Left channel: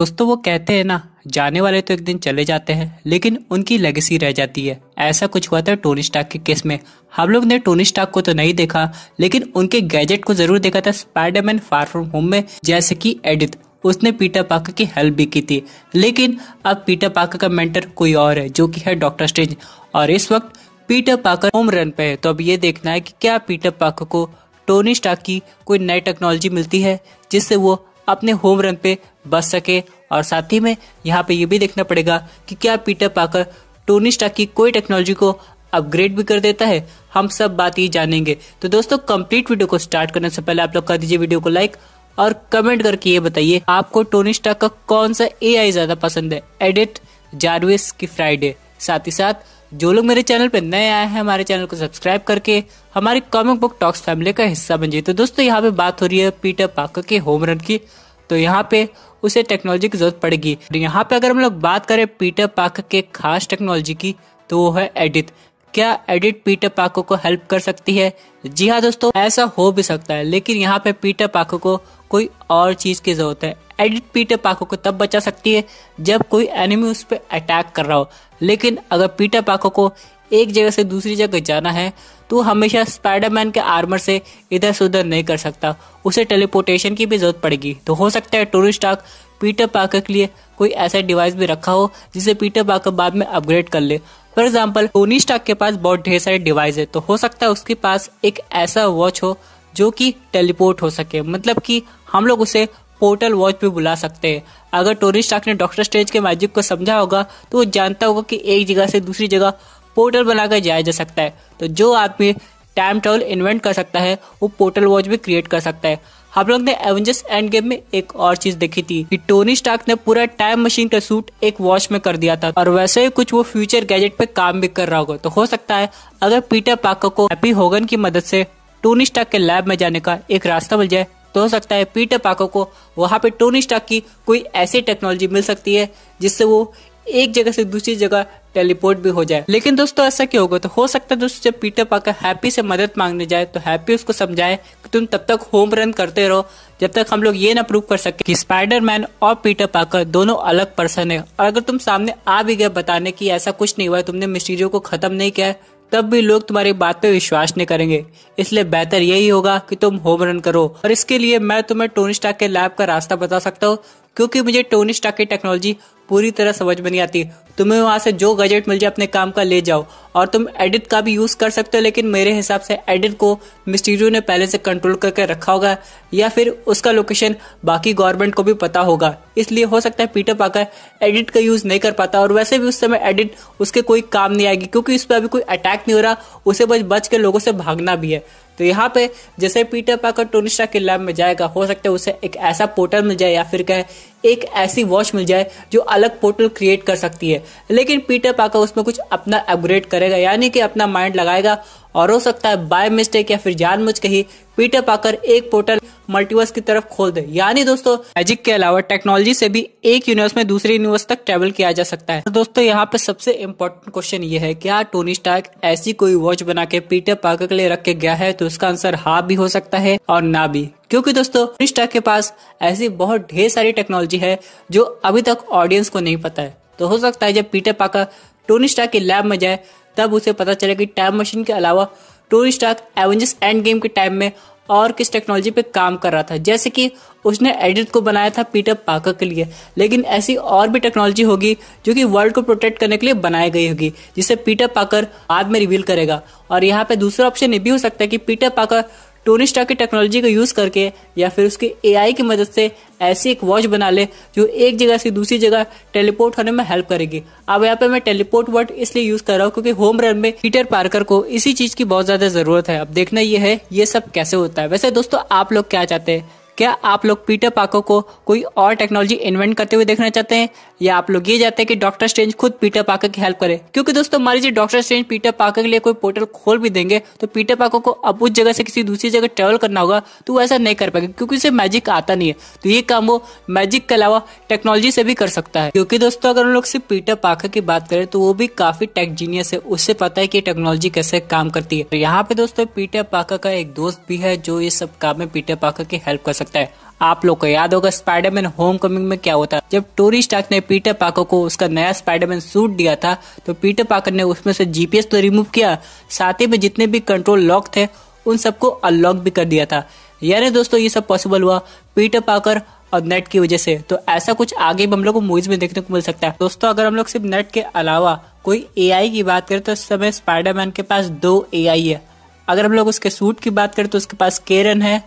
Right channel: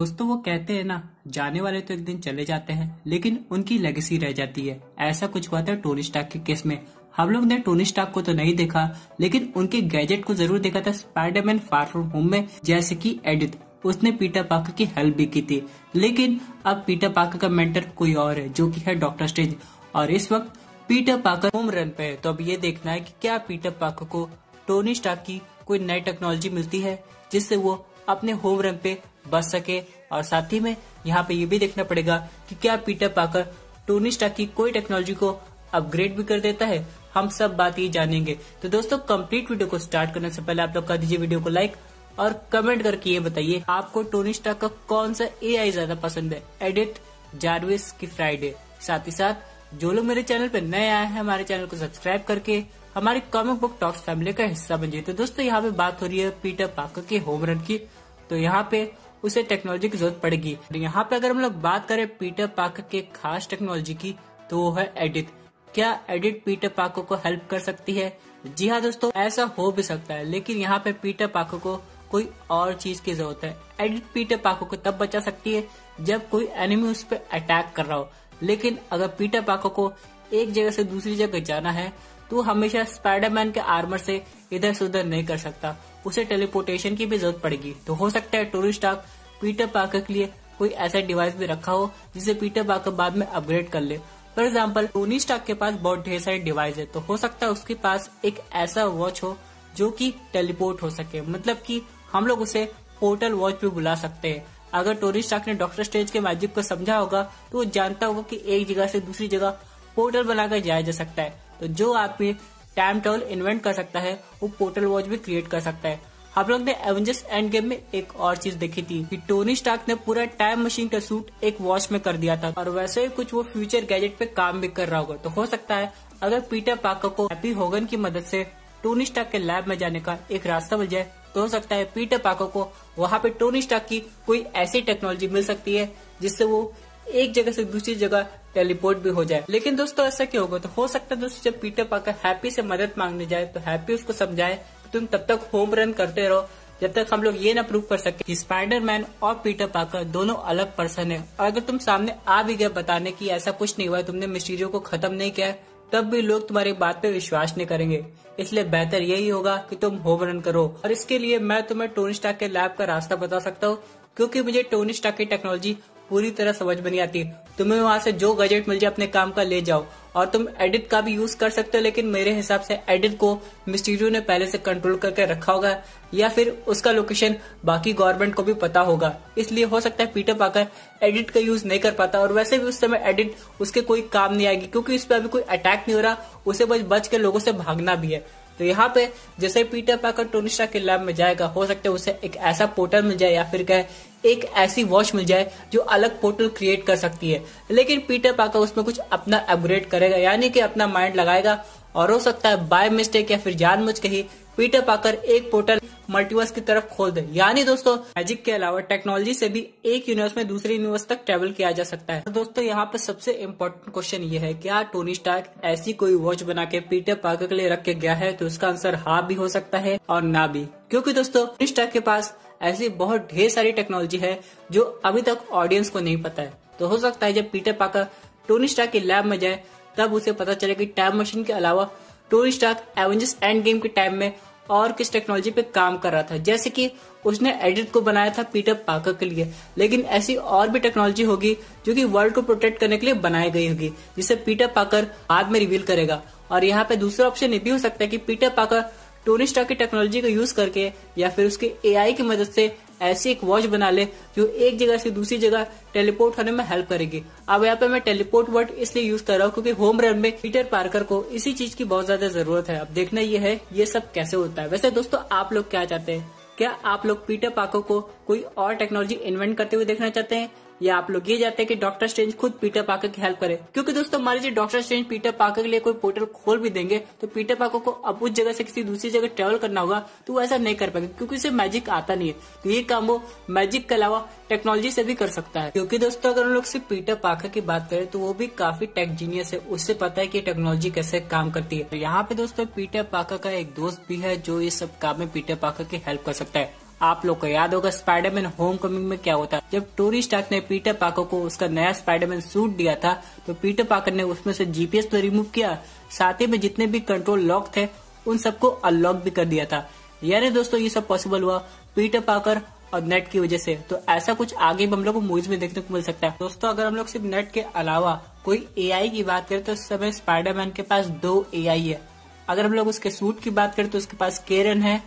दोस्तों वो कहते हैं ना, जाने वाले तो एक दिन चले जाते हैं लेकिन उनकी लेगेसी रह जाती है। ऐसा कुछ हुआ था टोनी स्टार्क के केस में। हम लोग ने टोनी स्टार्क को तो नहीं देखा लेकिन उनके गैजेट को जरूर देखा था स्पाइडरमैन फार फ्रॉम होम में। जैसे कि एडिथ, उसने पीटर पार्कर की हेल्प भी की थी। लेकिन अब पीटर पार्कर का मेंटर कोई और है जो कि है डॉक्टर स्ट्रेंज। और इस वक्त पीटर पार्कर होम रन पे है। तो अब ये देखना है कि क्या पीटर पार्कर को टोनी स्टार्क की कोई नई टेक्नोलॉजी मिलती है जिससे वो अपने होम रन पे बच सके। और साथ ही में यहाँ पे ये भी देखना पड़ेगा कि क्या पीटर पार्कर टोनी स्टार्क की कोई टेक्नोलॉजी को अपग्रेड भी कर देता है। हम सब बात ही जानेंगे। तो दोस्तों कंप्लीट वीडियो को स्टार्ट करने से पहले आप लोग कर दीजिए वीडियो को लाइक और कमेंट करके ये बताइए आपको टोनी स्टार्क का कौन सा एआई ज्यादा पसंद है, एडिथ, जारविस की फ्राइडे। साथ ही साथ जो लोग मेरे चैनल पे नए आए हैं हमारे चैनल को सब्सक्राइब करके हमारी कॉमिक बुक टॉक्स फैमिली का हिस्सा बन जाइए। तो दोस्तों यहाँ पे बात हो रही है पीटर पार्कर के होम रन की। तो यहाँ पे उसे टेक्नोलॉजी की जरूरत पड़ेगी। यहाँ पे अगर हम लोग बात करें पीटर पार्कर के खास टेक्नोलॉजी की तो वो है एडिथ। क्या एडिथ पीटर पार्कर को हेल्प कर सकती है? जी हाँ दोस्तों, ऐसा हो भी सकता है लेकिन यहाँ पे पीटर पार्कर को कोई और चीज की जरूरत है। एडिथ पीटर पार्कर को तब बचा सकती है जब कोई एनिमी उस पर अटैक कर रहा हो। लेकिन अगर पीटर पार्कर को एक जगह से दूसरी जगह जाना है तो हमेशा स्पाइडरमैन के आर्मर से इधर से उधर नहीं कर सकता, उसे टेलीपोर्टेशन की भी जरूरत पड़ेगी। तो हो सकता है टोनी स्टार्क पीटर पार्कर के लिए कोई ऐसा डिवाइस भी रखा हो जिसे पीटर पार्कर बाद में अपग्रेड कर ले। फॉर एग्जाम्पल टोनी स्टार्क के पास बहुत ढेर सारे डिवाइस है, तो हो सकता है उसके पास एक ऐसा वॉच हो जो कि टेलीपोर्ट हो सके। मतलब कि हम लोग उसे पोर्टल वॉच भी बुला सकते हैं। अगर टोनी स्टार्क ने डॉक्टर स्ट्रेंज के मैजिक को समझा होगा तो वो जानता होगा कि एक जगह से दूसरी जगह पोर्टल बनाकर जाया जा सकता है। तो जो आदमी टाइम ट्रैवल इन्वेंट कर सकता है वो पोर्टल वॉच भी क्रिएट कर सकता है। हम लोग ने एवेंजर्स एंड गेम में एक और चीज देखी थी कि टोनी स्टार्क ने पूरा टाइम मशीन का सूट एक वॉच में कर दिया था और वैसे ही कुछ वो फ्यूचर गैजेट पे काम भी कर रहा होगा। तो हो सकता है अगर पीटर पार्कर को हैप्पी होगन की मदद से टोनी स्टार्क के लैब में जाने का एक रास्ता मिल जाए तो हो सकता है पीटर पार्कर को वहां पे टोनी स्टार्क की कोई ऐसी टेक्नोलॉजी मिल सकती है जिससे वो एक जगह से दूसरी जगह टेलीपोर्ट भी हो जाए। लेकिन दोस्तों ऐसा क्यों होगा? तो हो सकता है दोस्तों जब पीटर पार्कर हैप्पी से मदद मांगने जाए तो हैप्पी उसको समझाए कि तुम तब तक होम रन करते रहो जब तक हम लोग ये ना प्रूव कर सके कि स्पाइडरमैन और पीटर पार्कर दोनों अलग पर्सन है। और अगर तुम सामने आ भी गए बताने की ऐसा कुछ नहीं हुआ है, तुमने मिस्टीरियो को खत्म नहीं किया है, तब भी लोग तुम्हारी बात पे विश्वास नहीं करेंगे। इसलिए बेहतर यही होगा कि तुम होम रन करो। और इसके लिए मैं तुम्हें टोनी स्टार्क के लैब का रास्ता बता सकता हूँ क्योंकि मुझे टोनी स्टार्क की टेक्नोलॉजी पूरी तरह समझ में नहीं आती। तुम्हें वहां से जो गैजेट मिल जाए अपने काम का ले जाओ और तुम एडिट का भी यूज कर सकते हो। लेकिन मेरे हिसाब से एडिट को मिस्टीरियो ने पहले से कंट्रोल करके रखा होगा या फिर उसका लोकेशन बाकी गवर्नमेंट को भी पता होगा। इसलिए हो सकता है पीटर पार्कर एडिट का यूज नहीं कर पाता और वैसे भी उस समय एडिट उसके कोई काम नहीं आएगी क्योंकि इस पर अभी कोई अटैक नहीं हो रहा, उसे बच बच के लोगों से भागना भी है। तो यहाँ पे जैसे पीटर पार्कर टोनी स्टार्क के लैब में जाएगा हो सकता है उसे एक ऐसा पोर्टल मिल जाए या फिर कहे एक ऐसी वॉच मिल जाए जो अलग पोर्टल क्रिएट कर सकती है। लेकिन पीटर पार्कर उसमें कुछ अपना अपग्रेड करेगा यानी कि अपना माइंड लगाएगा और हो सकता है बाय मिस्टेक या फिर जानबूझ के ही पीटर पार्कर एक पोर्टल मल्टीवर्स की तरफ खोल दे। यानी दोस्तों मैजिक के अलावा टेक्नोलॉजी से भी एक यूनिवर्स में दूसरे यूनिवर्स तक ट्रेवल किया जा सकता है। दोस्तों यहाँ पे सबसे इम्पोर्टेंट क्वेश्चन ये है, क्या टोनी स्टार्क ऐसी कोई वॉच बना के पीटर पार्कर के लिए रख के गया है? तो इसका आंसर हाँ भी हो सकता है और ना भी, क्योंकि दोस्तों टोनी स्टार्क के पास ऐसी बहुत ढेर सारी टेक्नोलॉजी है जो अभी तक ऑडियंस को नहीं पता है। तो हो सकता है जब पीटर पार्कर टोनी स्टार्क के लैब में जाए तब उसे पता चले कि टाइम मशीन के अलावा Tony Stark Avengers Endgame के टाइम में और किस टेक्नोलॉजी पे काम कर रहा था। जैसे कि उसने एडिट को बनाया था पीटर पार्कर के लिए, लेकिन ऐसी और भी टेक्नोलॉजी होगी जो कि वर्ल्ड को प्रोटेक्ट करने के लिए बनाई गई होगी जिसे पीटर पार्कर बाद में रिवील करेगा। और यहाँ पे दूसरा ऑप्शन ये भी हो सकता है कि पीटर पार्कर टोनी स्टार्क की टेक्नोलॉजी का यूज करके या फिर उसके एआई की मदद से ऐसी एक वॉच बना ले जो एक जगह से दूसरी जगह टेलीपोर्ट होने में हेल्प करेगी। अब यहाँ पे मैं टेलीपोर्ट वर्ड इसलिए यूज कर रहा हूँ क्योंकि होम रन में पीटर पार्कर को इसी चीज की बहुत ज्यादा जरूरत है। अब देखना ये है ये सब कैसे होता है। वैसे दोस्तों आप लोग क्या चाहते हैं? क्या आप लोग पीटर पार्कर को कोई और टेक्नोलॉजी इन्वेंट करते हुए देखना चाहते हैं या आप लोग ये चाहते हैं कि डॉक्टर स्ट्रेंज खुद पीटर पार्कर की हेल्प करे? क्योंकि दोस्तों मान लीजिए डॉक्टर स्ट्रेंज पीटर पार्कर के लिए कोई पोर्टल खोल भी देंगे तो पीटर पार्कर को अब उस जगह से किसी दूसरी जगह ट्रेवल करना होगा तो वो ऐसा नहीं कर पाएगा क्योंकि उसे मैजिक आता नहीं है। तो ये काम वो मैजिक के अलावा टेक्नोलॉजी से भी कर सकता है। क्योंकि दोस्तों अगर हम लोग सिर्फ पीटर पार्कर की बात करें तो वो भी काफी टेक जीनियस है, उससे पता है कि टेक्नोलॉजी कैसे काम करती है। तो यहाँ पे दोस्तों पीटर पार्कर का एक दोस्त भी है जो ये सब काम में पीटर पार्कर की हेल्प कर सकता है। आप लोग को याद होगा स्पाइडरमैन होमकमिंग में क्या होता, जब टोनी स्टार्क ने पीटर पार्कर को उसका नया स्पाइडरमैन सूट दिया था तो पीटर पार्कर ने उसमें से जीपीएस तो रिमूव किया, साथ ही में जितने भी कंट्रोल लॉक थे उन सबको अनलॉक भी कर दिया था। यानी दोस्तों ये सब पॉसिबल हुआ पीटर पार्कर और नेट की वजह से। तो ऐसा कुछ आगे भी हम लोग को मूवीज में देखने को मिल सकता है। दोस्तों अगर हम लोग सिर्फ नेट के अलावा कोई एआई की बात करें तो इस समय स्पाइडरमैन के पास 2 एआई है। अगर हम लोग उसके सूट की बात करें तो उसके पास केरन है,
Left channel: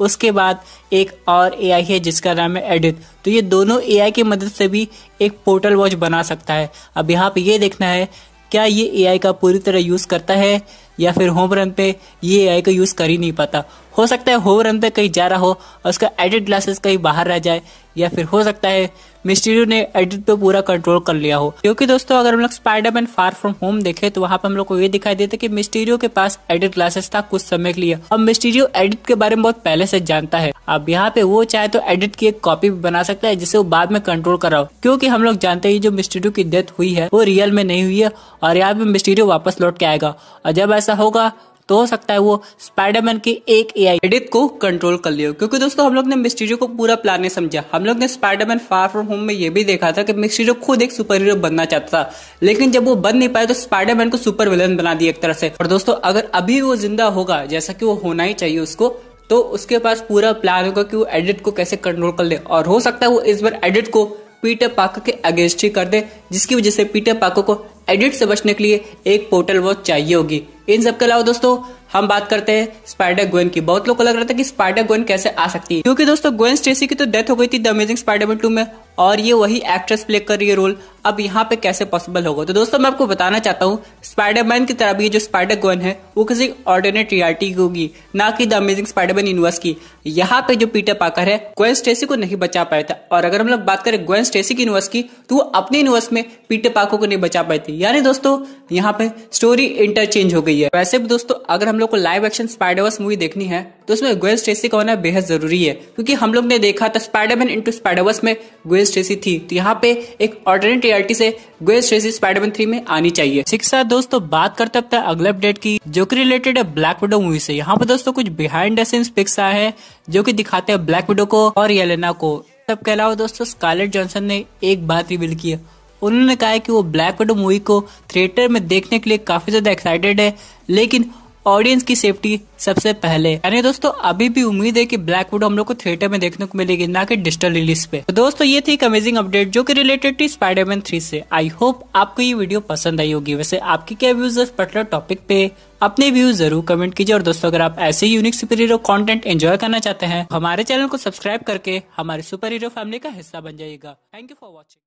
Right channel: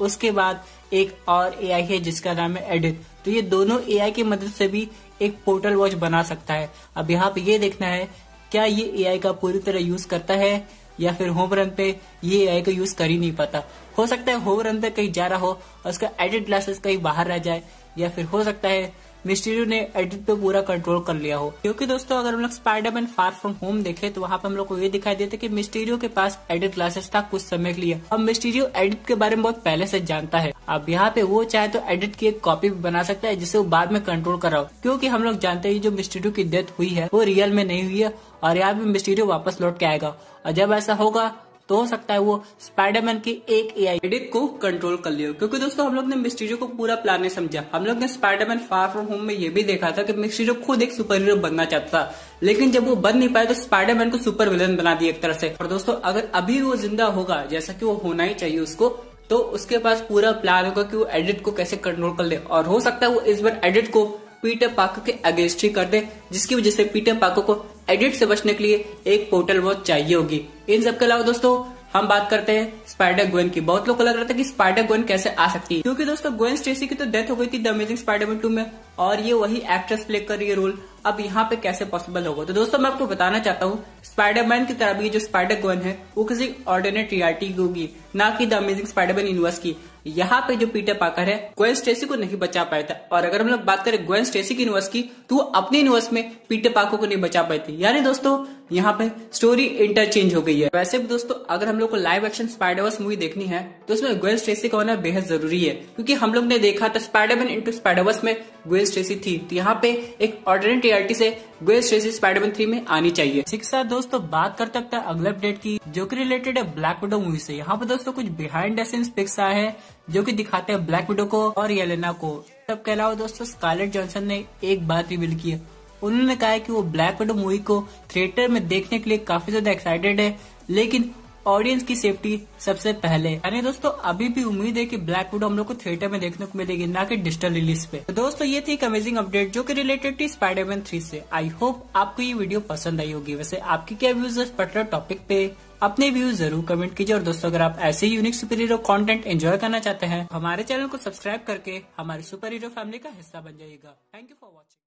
उसके बाद एक और एआई है जिसका नाम है एडिथ। तो ये दोनों एआई की मदद से भी एक पोर्टल वॉच बना सकता है। अब यहाँ पे ये देखना है क्या ये एआई का पूरी तरह यूज करता है या फिर होम रन पे ये एआई का यूज कर ही नहीं पाता। हो सकता है होम रन पे कहीं जा रहा हो और उसका एडिट ग्लासेस कहीं बाहर रह जाए, या फिर हो सकता है मिस्टीरियो ने एडिट पे पूरा कंट्रोल कर लिया हो। क्योंकि दोस्तों अगर हम लोग स्पाइडरमैन फार फ्रॉम होम देखे तो वहां पे हम लोग को ये दिखाई देता कि मिस्टीरियो के पास एडिट ग्लासेस था कुछ समय के लिए। अब मिस्टीरियो एडिट के बारे में बहुत पहले से जानता है। अब यहाँ पे वो चाहे तो एडिट की एक कॉपी भी बना सकता है जिसे वो बाद में कंट्रोल कर रहा हो, क्योंकि हम लोग जानते हैं जो मिस्टीरियो की डेथ हुई है वो रियल में नहीं हुई है और यहाँ पे मिस्टीरियो वापस लौट के आएगा। और जब ऐसा होगा तो हो सकता है वो स्पाइडरमैन की एक एआई एडिट को कंट्रोल कर लियो। क्योंकि दोस्तों हम लोग ने मिस्टीरियो को पूरा प्लान नहीं समझा। हम लोग ने स्पाइडरमैन फार फ्रॉम होम में ये भी देखा था कि मिस्टीरियो खुद एक सुपर हीरो बनना चाहता था, लेकिन जब वो बन नहीं पाया तो स्पाइडरमैन को सुपर विलन बना दिया एक तरह से। और दोस्तों अगर अभी वो जिंदा होगा जैसा कि वो होना ही चाहिए उसको, तो उसके पास पूरा प्लान होगा कि वो एडिट को कैसे कंट्रोल कर ले। और हो सकता है वो इस बार एडिट को पीटर पार्कर के अगेंस्ट ही कर दे, जिसकी वजह से पीटर पार्कर को एडिट से बचने के लिए एक पोर्टल वॉच चाहिए होगी। इन सब के अलावा दोस्तों हम बात करते हैं स्पाइडर ग्वेन की। बहुत लोग को लग रहा था कि स्पाइडर ग्वेन कैसे आ सकती है, क्योंकि दोस्तों ग्वेन स्टेसी की तो डेथ हो गई थी द अमेजिंग स्पाइडरमैन 2 में और ये वही एक्ट्रेस प्ले कर रही है रोल। अब यहाँ पे कैसे पॉसिबल होगा? तो दोस्तों मैं आपको बताना चाहता हूँ स्पाइडरमैन की तरह भी जो स्पाइडर ग्वेन है वो किसी ऑल्टरनेट रियलिटी की होगी, ना कि द अमेजिंग स्पाइडरमैन यूनिवर्स की। यहाँ पे जो पीटर पार्कर है ग्वेन स्टेसी को नहीं बचा पाया था, और अगर हम लोग बात करें ग्वेन स्टेसी की यूनिवर्स की तो वो अपने यूनिवर्स में पीटर पार्कर को नहीं बचा पाई थी। यानी दोस्तों यहाँ पे स्टोरी इंटरचेंज हो गई है। वैसे भी दोस्तों अगर हम लोग को लाइव एक्शन स्पाइडरवर्स मूवी देखनी है तो उसमें ग्वेन स्टेसी का होना बेहद जरूरी है, क्योंकि हम लोग ने देखा था स्पाइडरमैन इनटू स्पाइडरवर्स में ग्वेन स्टेसी थी। तो यहाँ पे एक ऑल्टरनेट रियलिटी से ग्वेन स्टेसी स्पाइडरमैन 3 में आनी चाहिए। इसी के साथ दोस्तों बात करते हैं अगले अपडेट की, जो कि रिलेटेड है ब्लैक विडो मूवी से। यहाँ पे दोस्तों कुछ बिहाइंड द सीन्स पिक्स आए हैं जो कि दिखाते हैं ब्लैक विडो को और येलेना को। सबके अलावा दोस्तों स्कारलेट जॉनसन ने एक बात रिवील की है। उन्होंने कहा है कि वो ब्लैक विडो मूवी को थिएटर में देखने के लिए काफी ज्यादा एक्साइटेड है, लेकिन ऑडियंस की सेफ्टी सबसे पहले। यानी दोस्तों अभी भी उम्मीद है कि ब्लैक विडो हम लोग को थिएटर में देखने को मिलेगी, ना कि डिजिटल रिलीज पे। तो दोस्तों ये थी एक अमेजिंग अपडेट जो कि रिलेटेड थी स्पाइडरमैन 3 से। आई होप आपको ये वीडियो पसंद आई होगी। वैसे आपकी क्या व्यूज है इस पर्टिकुलर टॉपिक पे, अपने व्यूज जरूर कमेंट कीजिए। और दोस्तों अगर आप ऐसे unique super hero content enjoy करना चाहते हैं हमारे चैनल को सब्सक्राइब करके हमारे सुपर हीरो फैमिली का हिस्सा बन जाइएगा। Thank you for watching.